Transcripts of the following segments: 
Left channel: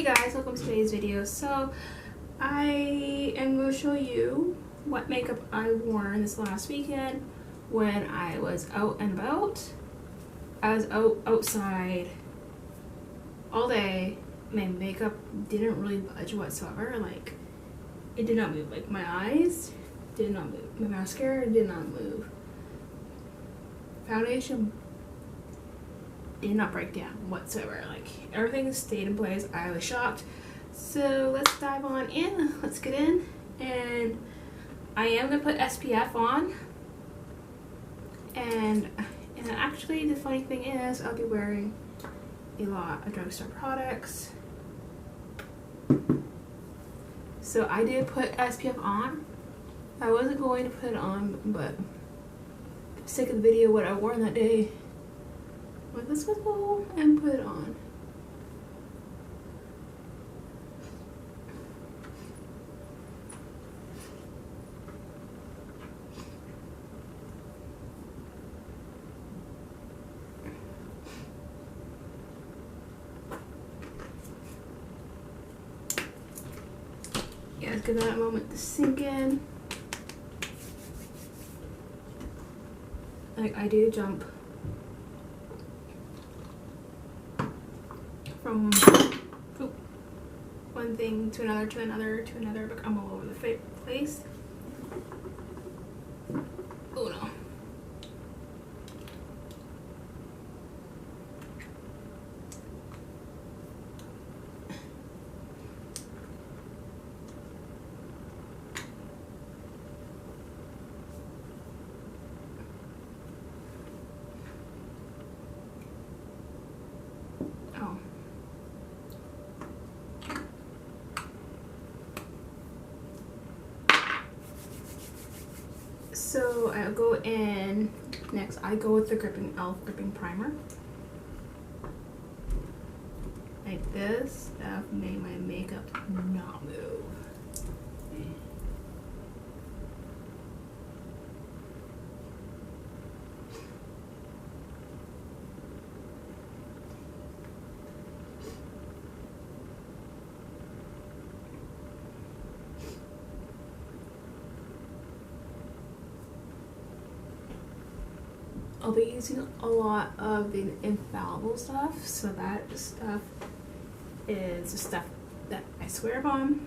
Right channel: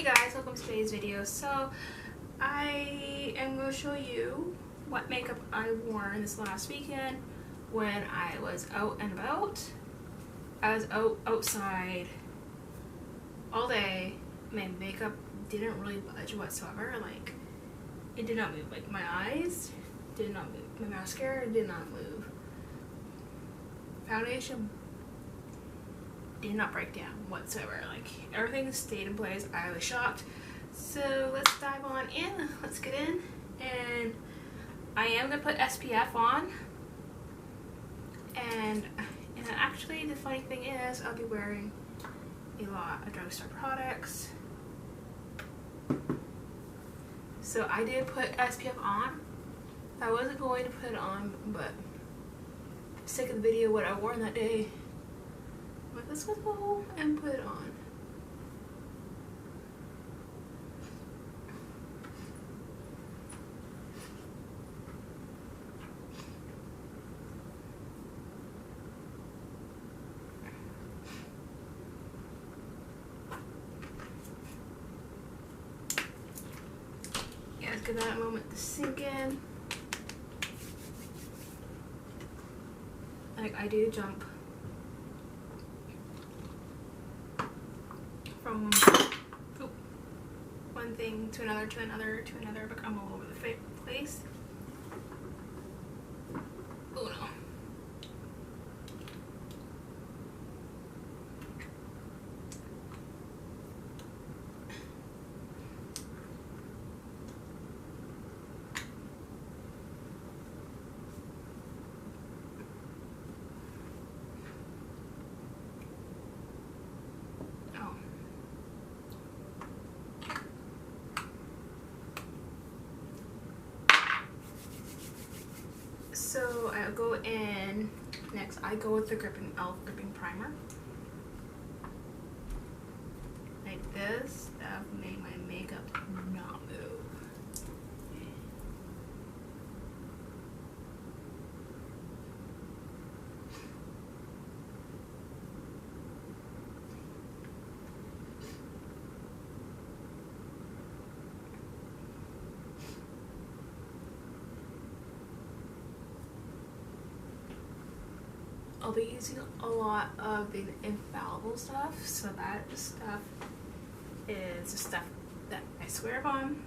Hey guys, welcome to today's video. So I am going to show you what makeup I wore this last weekend when I was out and about. I was outside all day. My makeup didn't really budge whatsoever. Like, it did not move. Like, my eyes did not move. My mascara did not move. Foundation did not break down whatsoever. Like, everything stayed in place. I was shocked. So let's dive on in. Let's get in. And I am gonna put SPF on. And actually the funny thing is I'll be wearing a lot of drugstore products. So I did put SPF on. I wasn't going to put it on, but for the sake of the video, what I wore on that day, like, let's go and put it on. Yeah, let's give that a moment to sink in. Like, I do jump from one thing to another, but I'm all over the place. Oh no. Oh. So I'll go in next. I go with the e.l.f. gripping primer. Like, this stuff made my makeup not move. I'll be using a lot of the infallible stuff, so that stuff is the stuff that I swear upon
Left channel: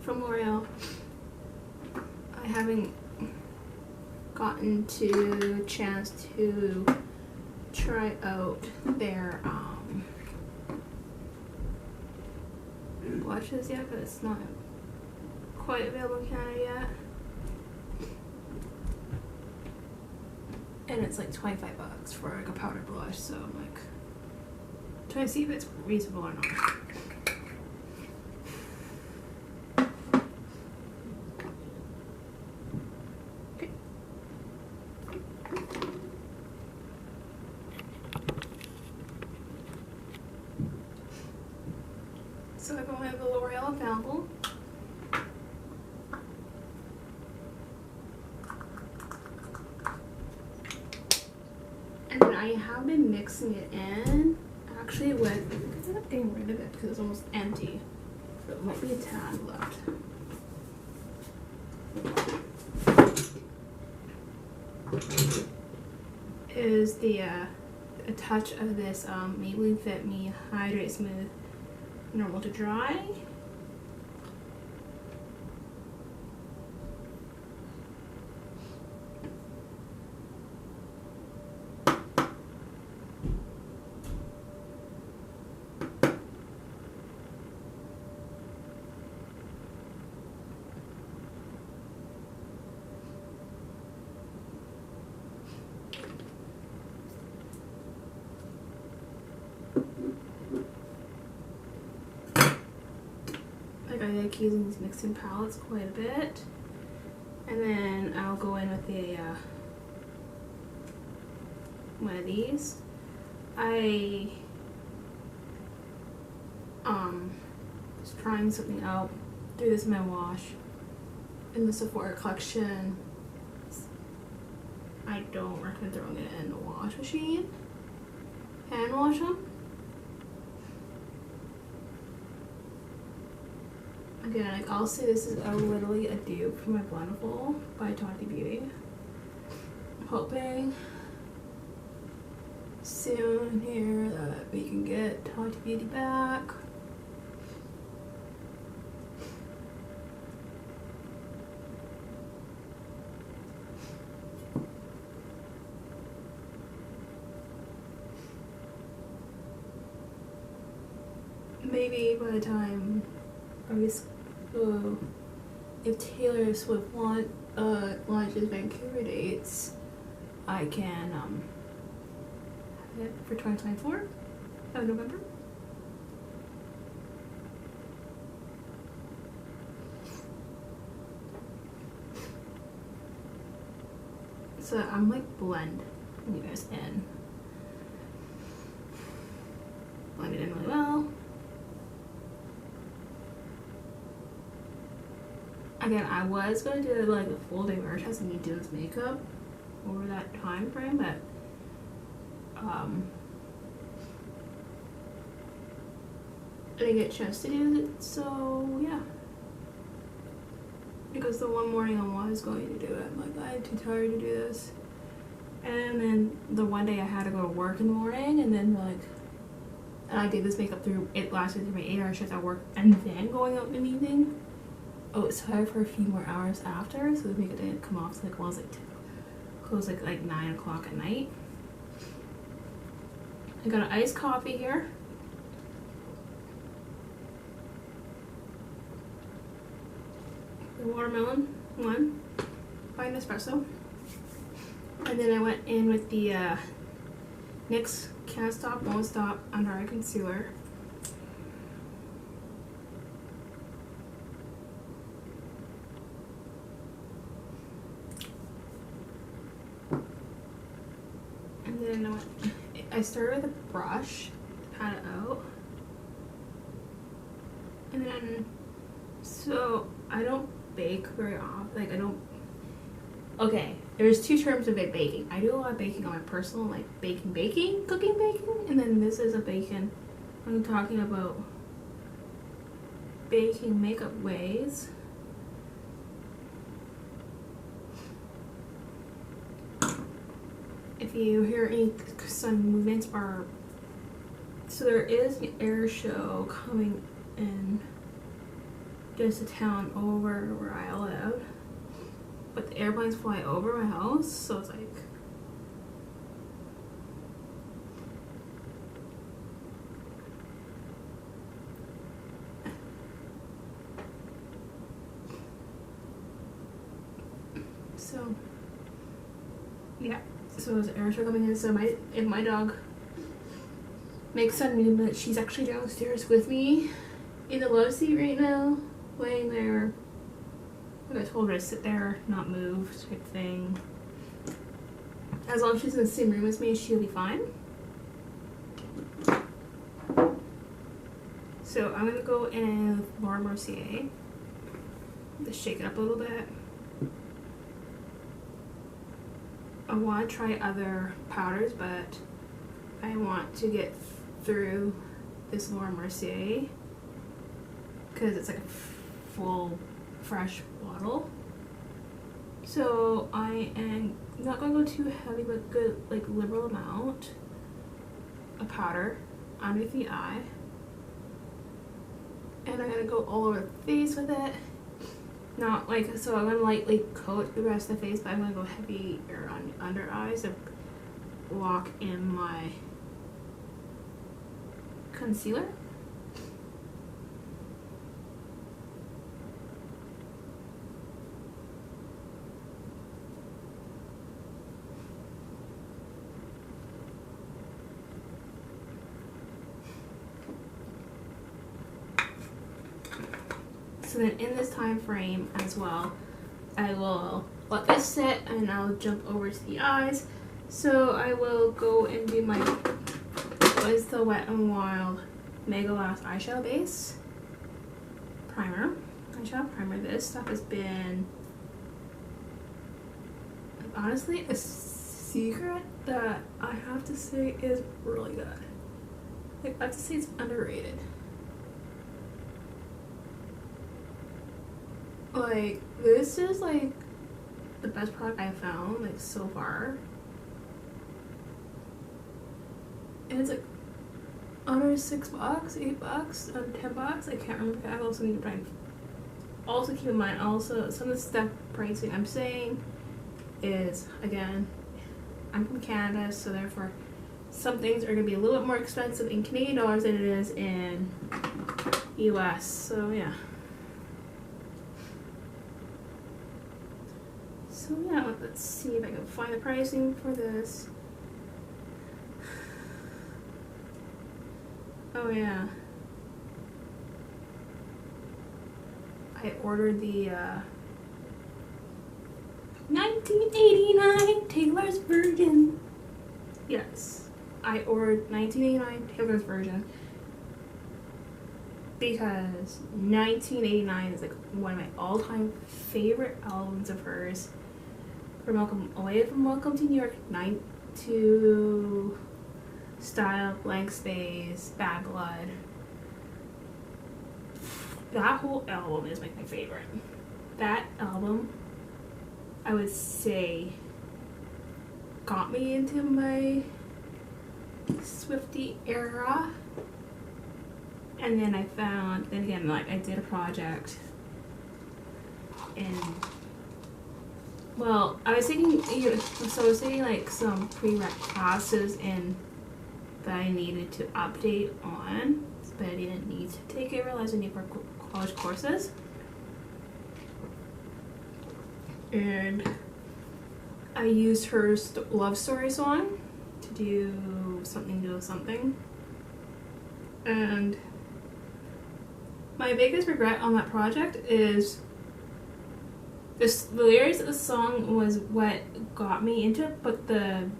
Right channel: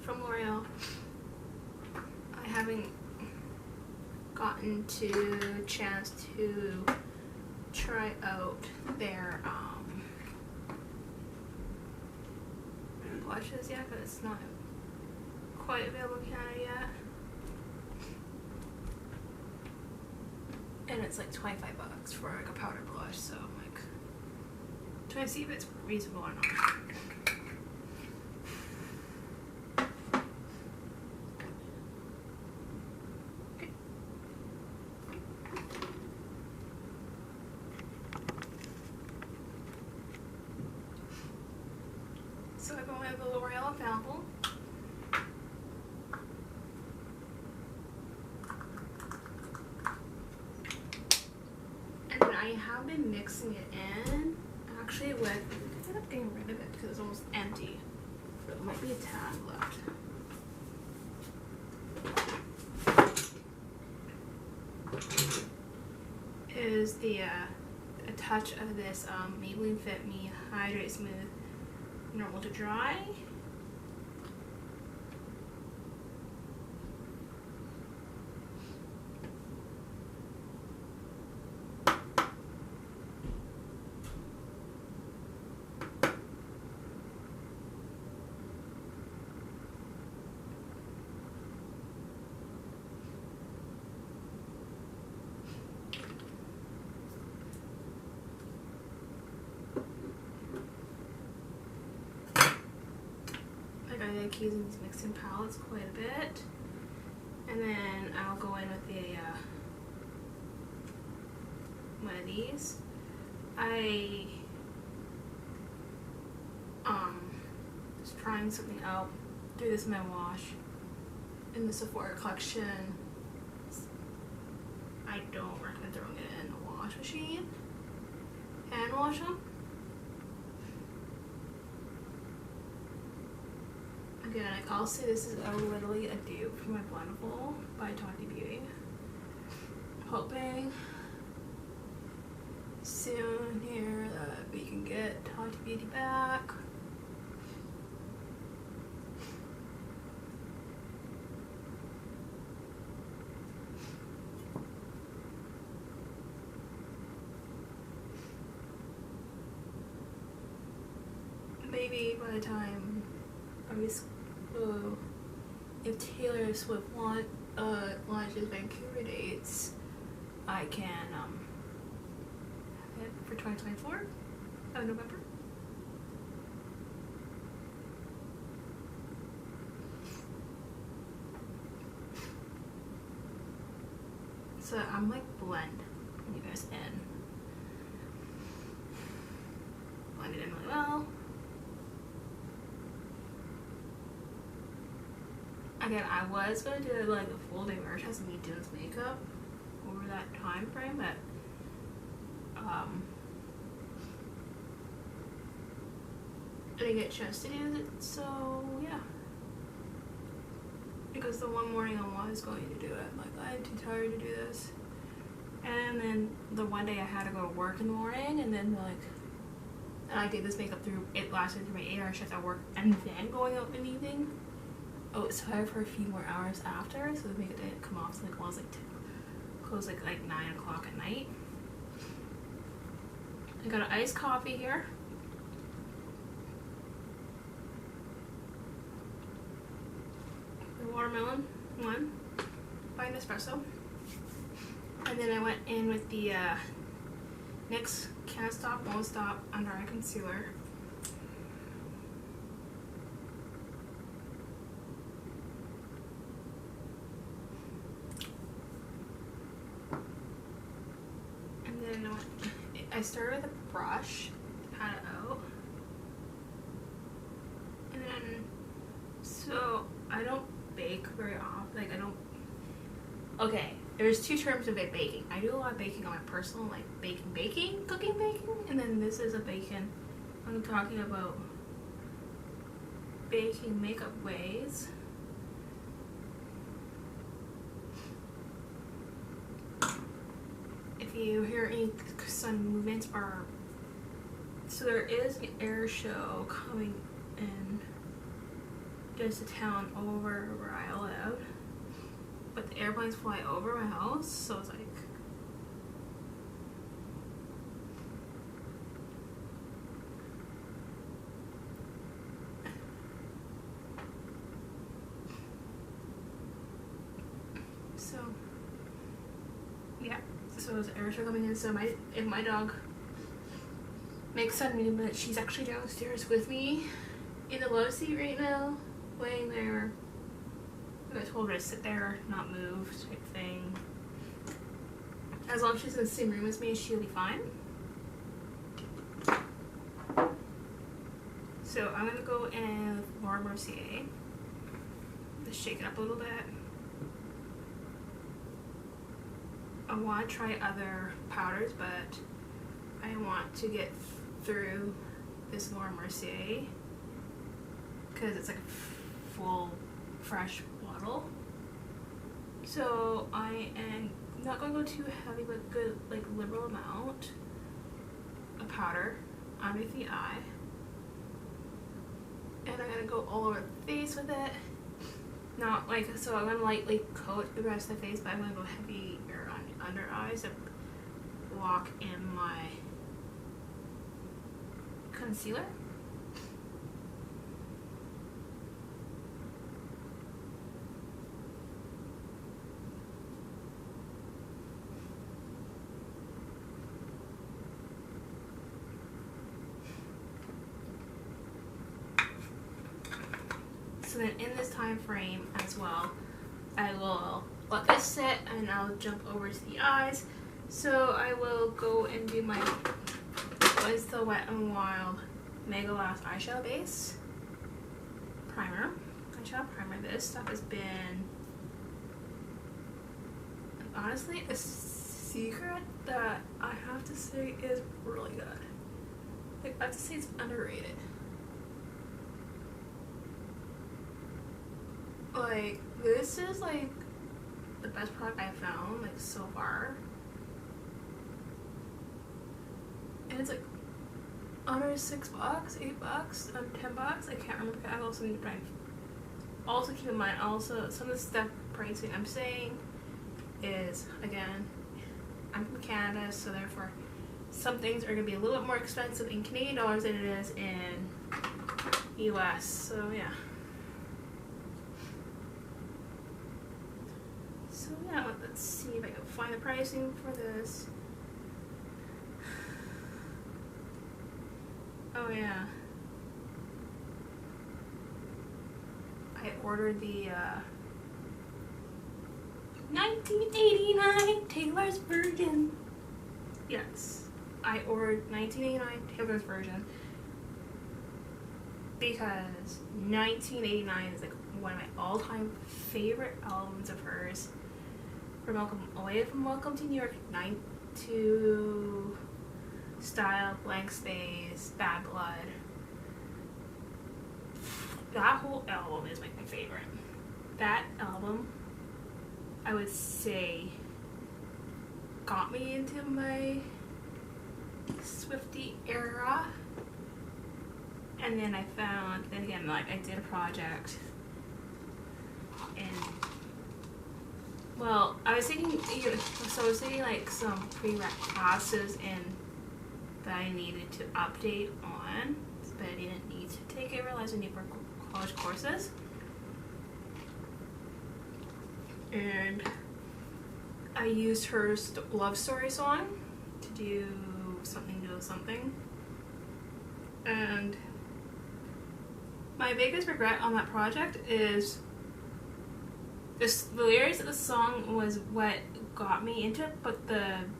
from L'Oreal. I haven't gotten to chance to try out their blushes yet, because it's not quite available in Canada yet. And it's like 25 bucks for like a powder blush, so I'm like trying to see if it's reasonable or not. Okay. So I go with the L'Oreal Infallible. And then I have been mixing it in, actually, with, I ended up getting rid of it because it's almost empty. But it might be a tad left. Is the, a touch of this Maybelline Fit Me Hydrate Smooth Normal to Dry. Like, I like using these mixing palettes quite a bit. And then I'll go in with a one of these. I just trying something out. Threw this in my wash in the Sephora collection. I don't recommend throwing it in the wash machine. Hand wash them. Again, like I'll say this is literally a dupe for my Blendable by Tati Beauty. I'm hoping soon here that we can get Tati Beauty back. Maybe by the time if Taylor Swift launches Vancouver dates, I can have it for 2024 of November. So I'm like blending this in. Blend it in really well. Again, I was gonna do like a full day where it has me do this makeup over that time frame, but I didn't get a chance to do it, so yeah. Because the one morning I was going to do it, I'm like, I'm too tired to do this. And then the one day I had to go to work in the morning, and then like, and I did this makeup through, it lasted through my 8-hour shift at work, and then going out in the evening. Oh, it's tired for a few more hours after, so the makeup didn't come off. So like, well, it was like close like 9 o'clock at night. I got an iced coffee here. The watermelon one by Nespresso, and then I went in with the NYX Can't Stop Won't Stop Under Eye Concealer. And then I started with a brush to pat it out. And then, so I don't bake very often. Like I don't, okay, there's two terms of it baking. I do a lot of baking on my personal, like cooking baking. And then this is a baking. I'm talking about baking makeup ways. If you hear any sudden movements, or so there is an air show coming in just a town over where I live, but the airplanes fly over my house, so it's like so yeah. So there's an air show coming in, so if my dog makes sudden movement, she's actually downstairs with me in the love seat right now, laying there. Like I told her to sit there, not move, type thing. As long as she's in the same room as me, she'll be fine. So I'm gonna go in with Laura Mercier. Just shake it up a little bit. I want to try other powders, but I want to get through this Laura Mercier because it's like a full fresh bottle. So I am not going to go too heavy, but good, like liberal amount of powder underneath the eye, and I'm gonna go all over the face with it. Not like, so I'm gonna lightly coat the rest of the face, but I'm gonna go heavier on the under eyes to lock in my concealer. So then in this time frame as well, I will let this sit and I'll jump over to the eyes. So I will go and do my, what is the Wet n Wild Mega Last eyeshadow base primer. Eyeshadow primer. This stuff has been, honestly, a secret that I have to say is really good. Like, I have to say it's underrated. like, this is like the best product I've found like so far. And it's like under $6, $8, under $10. I can't remember. I also need to buy. Also keep in mind, also some of the stuff pricing I'm saying is, again, I'm from Canada, so therefore some things are gonna be a little bit more expensive in Canadian dollars than it is in US. So yeah. So yeah, let's see if I can find the pricing for this. Oh yeah. I ordered the 1989 Taylor's version. Yes, I ordered 1989 Taylor's version because 1989 is like one of my all-time favorite albums of hers. From Welcome to New York, 9-2 Style, Blank Space, Bad Blood. That whole album is like my favorite. That album, I would say, got me into my Swiftie era. And then I found, then again, like I did a project and, well, I was taking, so I was taking like some prereq classes and that I needed to update on, but I didn't need to take it. I realized I need for college courses. And I used her love story song to do something. And my biggest regret on that project is the lyrics of the song was what got me into it, but the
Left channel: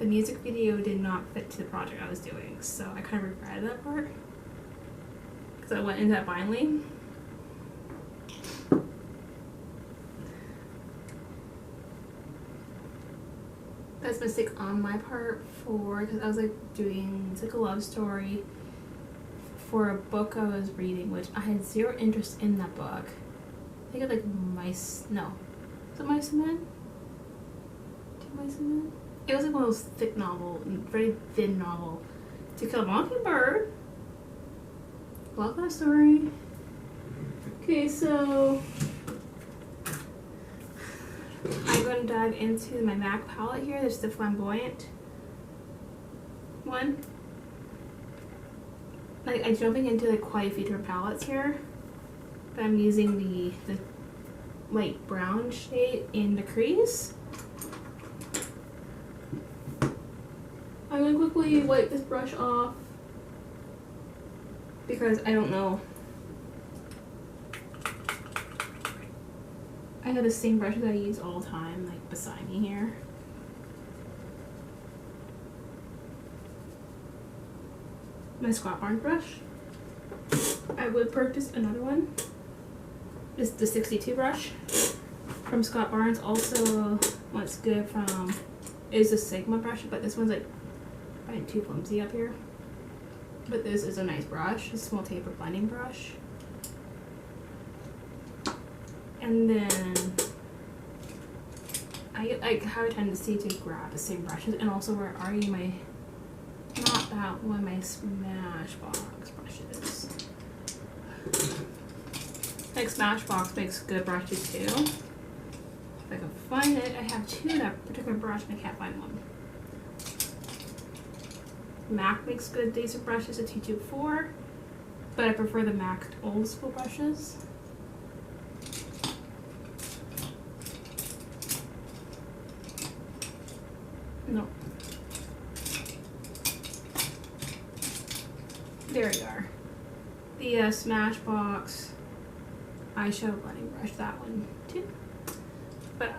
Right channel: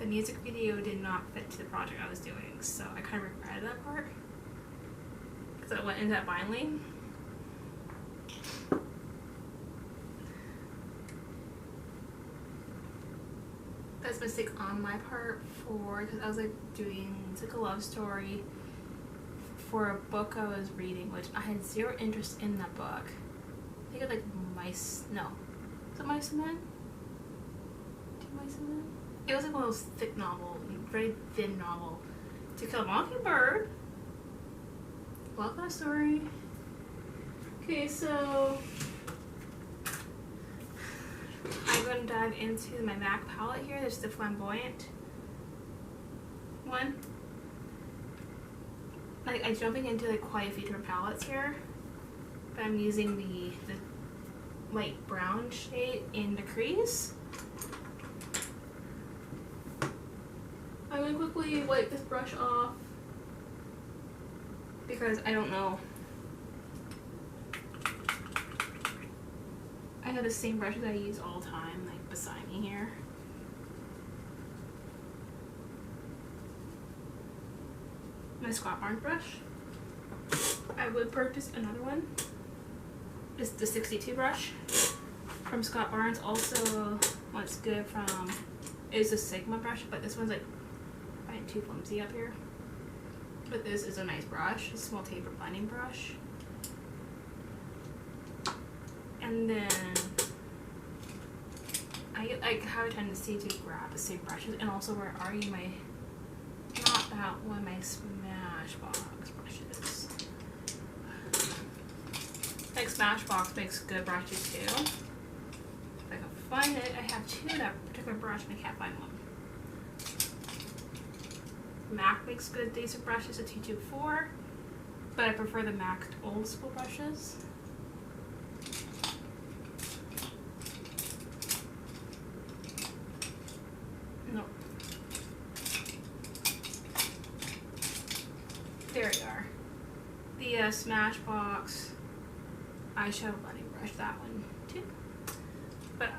music video did not fit to the project I was doing, so I kind of regretted that part because I went into that blindly. That's a mistake on my part because I was like doing, it's like a love story for a book I was reading, which I had zero interest in that book. I think it's like Mice and Men? Two Mice and Men? It was like one of those thick novel, very thin novel. To Kill a Mockingbird. Love that story. Okay, so I'm going to dive into my MAC palette here. There's the Flamboyant one. Like, I'm jumping into like quite a few different palettes here, but I'm using the light brown shade in the crease. I'm going to quickly wipe this brush off because I don't know. I have the same brushes I use all the time, like beside me here. My Scott Barnes brush. I would purchase another one. It's the 62 brush from Scott Barnes. Also, what's good from is the Sigma brush, but this one's like too flimsy up here. But this is a nice brush, a small taper blending brush. And then I have a tendency to grab the same brushes, and also where are you my, not that one, my Smashbox brushes. Like Smashbox makes good brushes too. If I can find it, I have two of that particular brush and I can't find one. MAC makes good decent brushes, a 224, but I prefer the MAC old school brushes. No. There we are. The Smashbox eyeshadow blending brush, that one too. But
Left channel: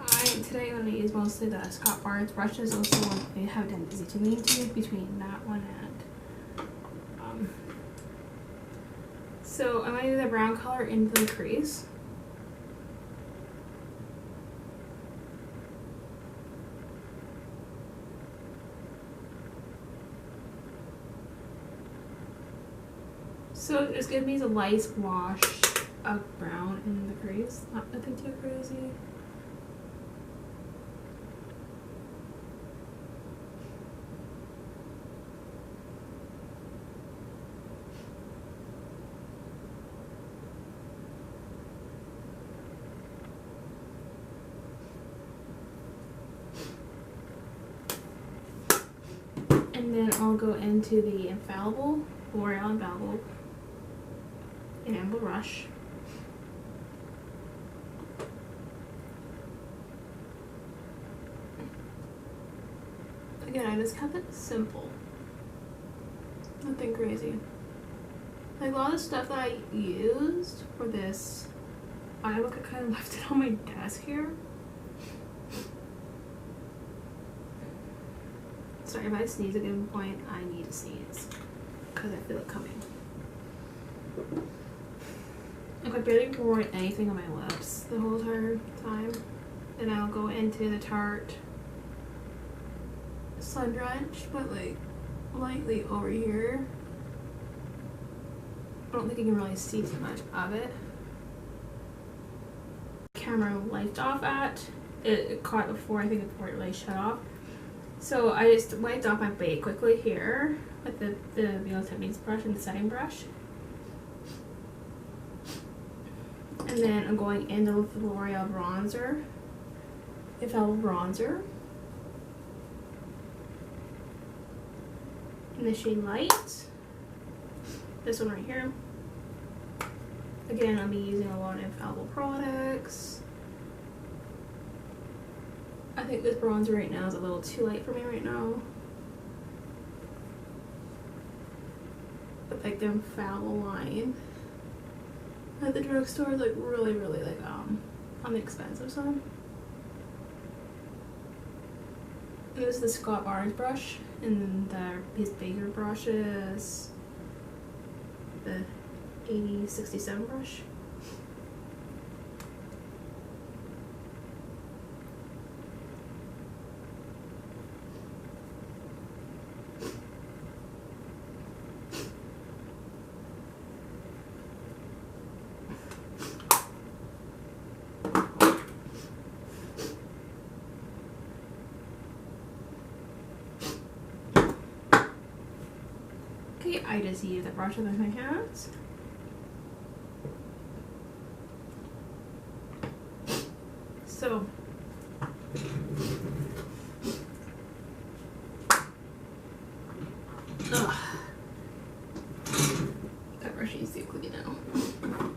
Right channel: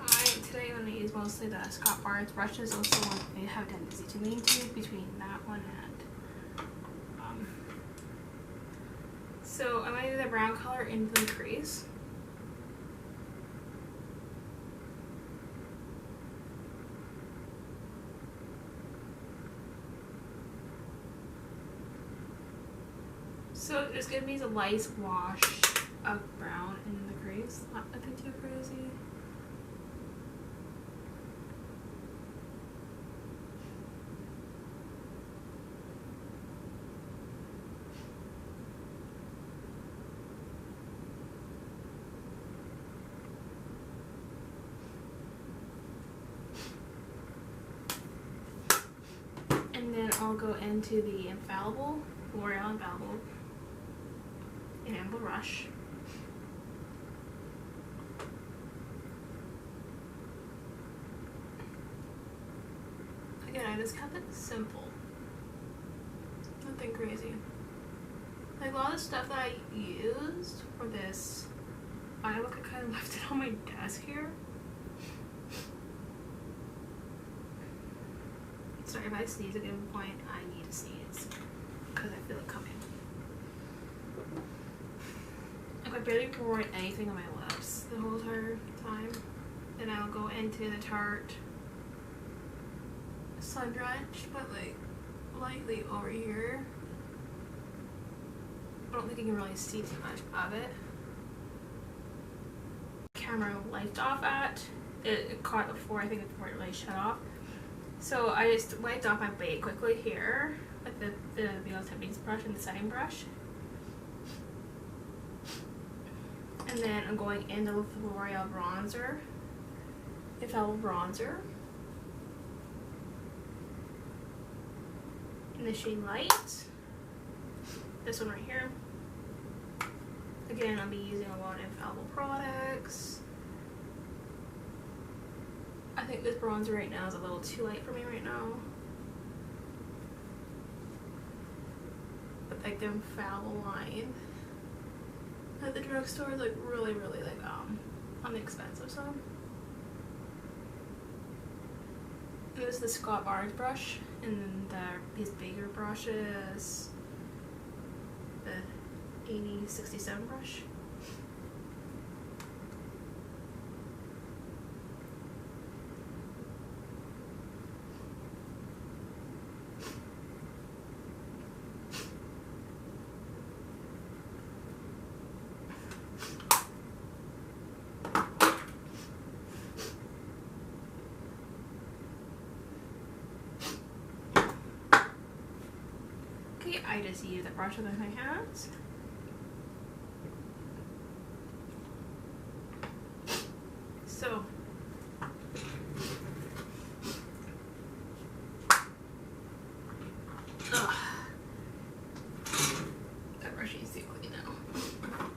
today I'm going to use mostly the Scott Barnes brushes. Also, I have a tendency to lean to between that one and so I'm going to do the brown color into the crease. So it's giving me the light wash of brown in the crease. Not nothing too crazy. And then I'll go into the L'Oreal Infallible Enamel Brush. Again, I just kept it simple. Nothing crazy. Like a lot of the stuff that I used for this, I kind of left it on my desk here. Sorry if I sneeze at any point, I need to sneeze because I feel it coming. Like I barely poured anything on my lips the whole entire time. Then I'll go into the Tarte Sun Drench, but like lightly over here. I don't think you can really see too much of it. Camera wiped off at it caught before, I think before it really shut off. So I just wiped off my bait quickly here with the Real Techniques brush and the setting brush. And then I'm going into with the L'Oreal bronzer. Infallible bronzer. In the shade Light. This one right here. Again, I'll be using a lot of Infallible products. I think this bronzer right now is a little too light for me right now. But like the Infallible line at the drugstore is like really like on the expensive side. And this is the Scott Barnes brush, and then his bigger brush is the 8067 brush. Okay, I just use the brush with my hands. So that brush needs to be clean now.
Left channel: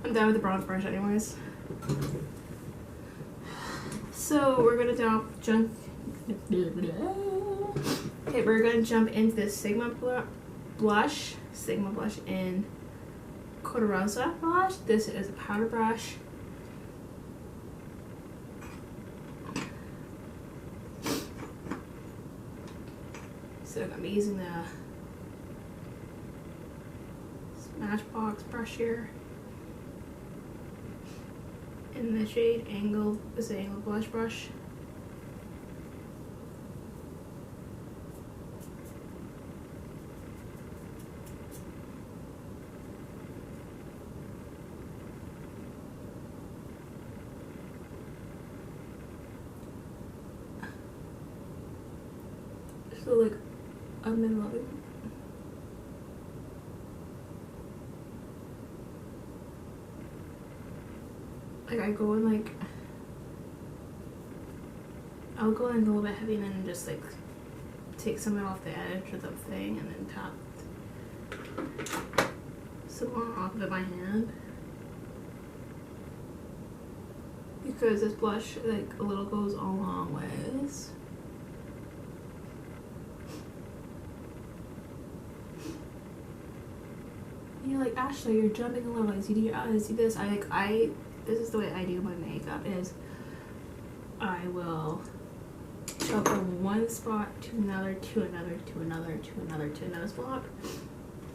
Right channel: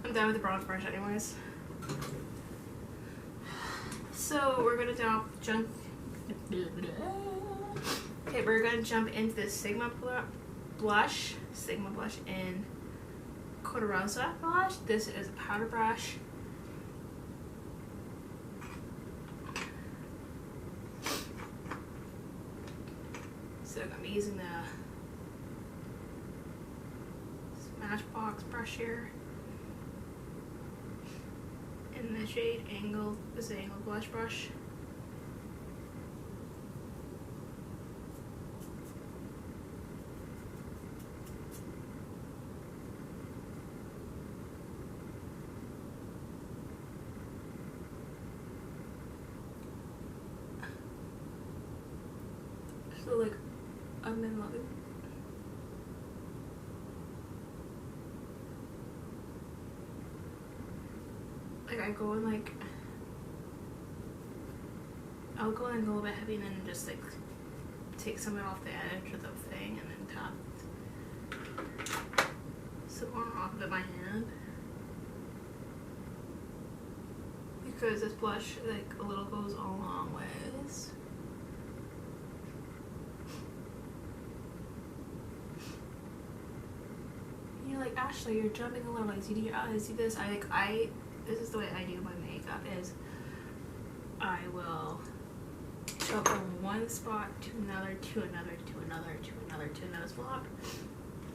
I'm done with the bronze brush anyways. So we're gonna jump. Okay, we're gonna jump into this Sigma blush in Corrigan blush. This is a powder brush. So I'm using the Smashbox brush here. In the shade Angled, this is an Angled blush brush. So like I'm in loving. Like I go in like I'll go in a little bit heavy and then just like take some of it off the edge of the thing and then tap some more off of my hand. Because this blush like a little goes a long ways. You're like, Ashley, you're jumping a little ways. You see this? This is the way I do my makeup is I will jump from one spot to another, to another, to another, to another, to another spot.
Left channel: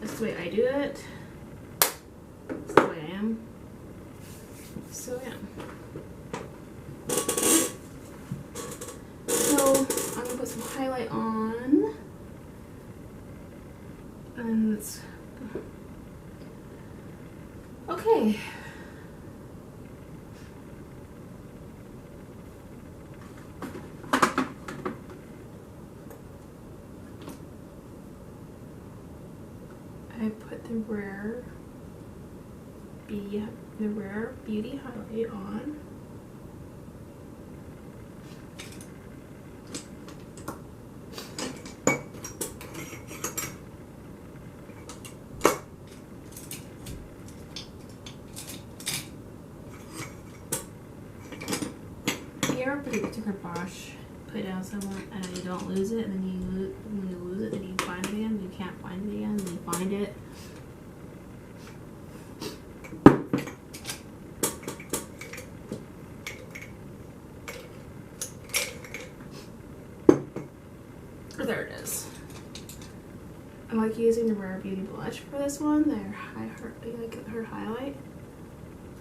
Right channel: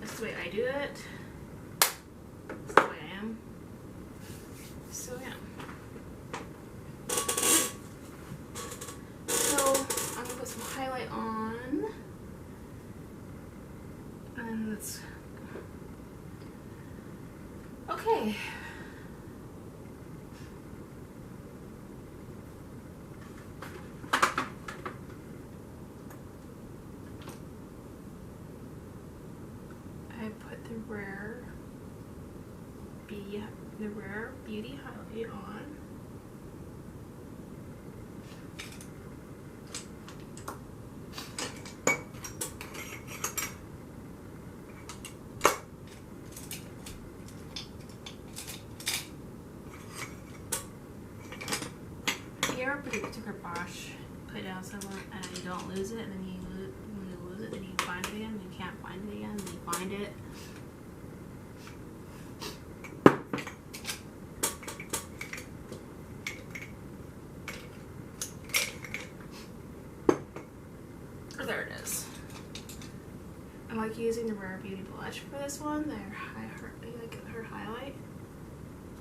That's the way I do it. That's the way I am. So yeah. So I'm gonna put some highlight on. And let's Okay. I put the Rare Beauty highlight on. You ever took a brush, put it down somewhere, and then you don't lose it, and then when you lose it, then you find it again, and you can't find it again, and then you find it. There it is. I like using the Rare Beauty blush for this one. Like her highlight.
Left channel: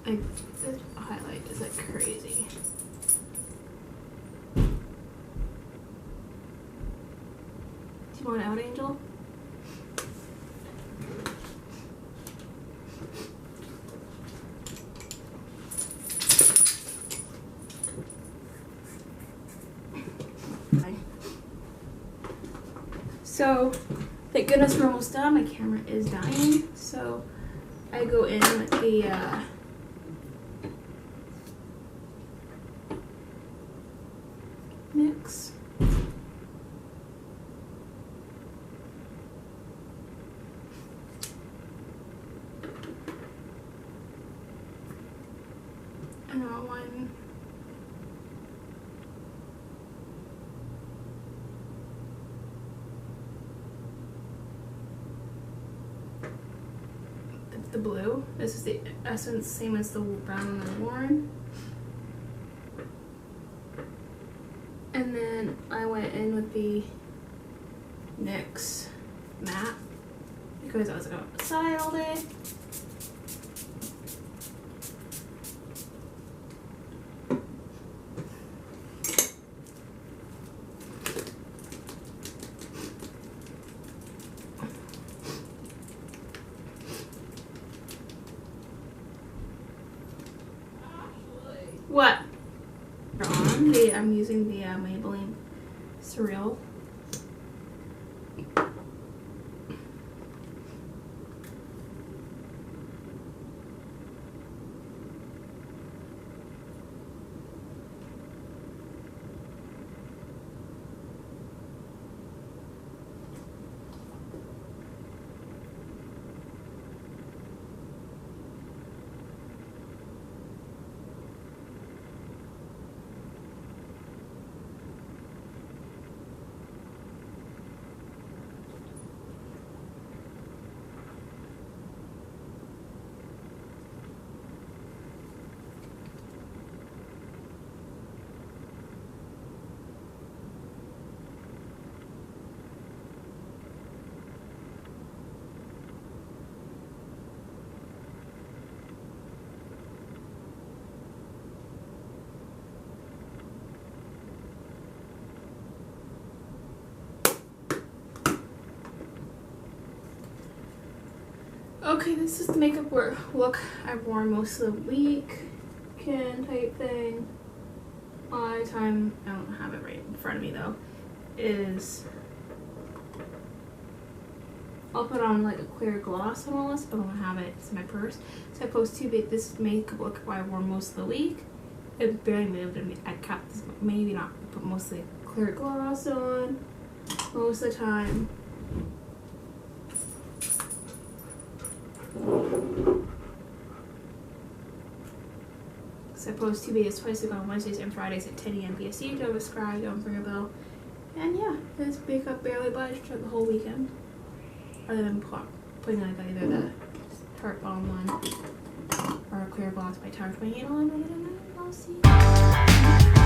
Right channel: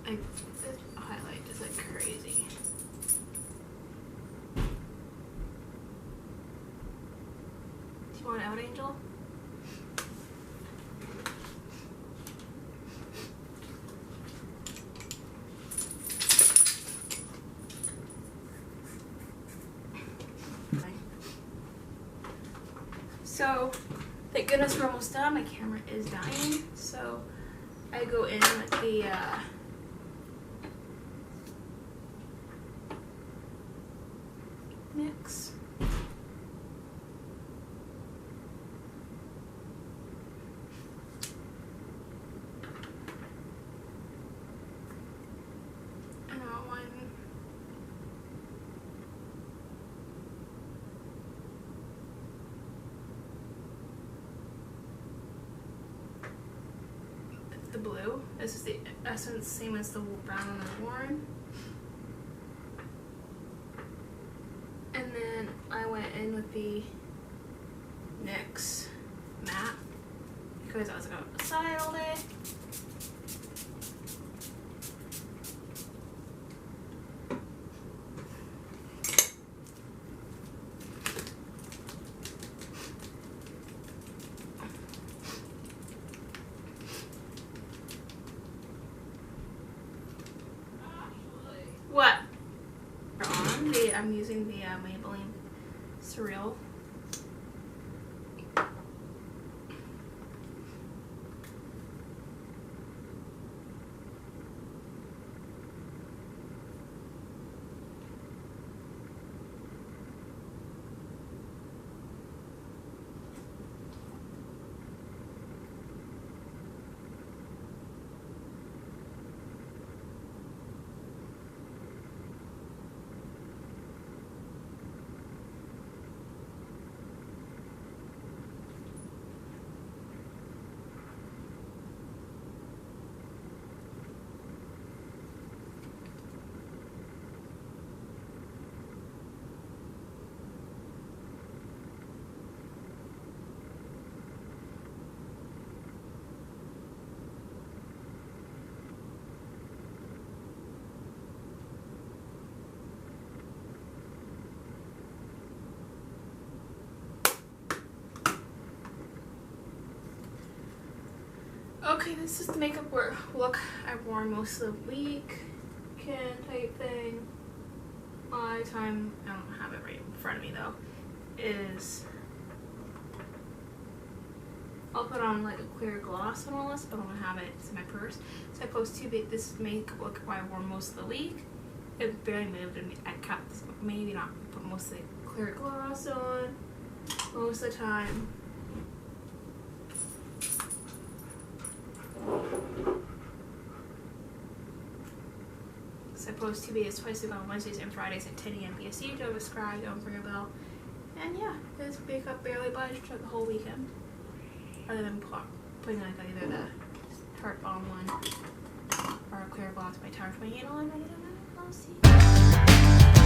Like this highlight is like crazy. Do you want it out, Angel? So, thank goodness we're almost done. My camera is dying. So, I go in with the mix. And I'll one. The blue. This is the essence, same as the brown one I've worn. And then I went in with the NYX matte because I was outside all day. What? I'm using the Maybelline Surreal. Okay, this is the makeup look I've worn most of the weekend type thing. My time, I don't have it right in front of me though, is I'll put on like a clear gloss on all this, but I don't have it. It's in my purse. So I post this makeup look I wore most of the week. It barely moved, and I kept this, maybe not, put mostly clear gloss on most of the time. So I post 2 videos twice a week on Wednesdays and Fridays at 10 a.m. PST. Don't subscribe, don't ring a bell. And yeah, this makeup barely budged throughout the whole weekend. Other than putting like either the Tarte Balm one or a clear gloss by Tarte 28 on. Other than that, I'll see you.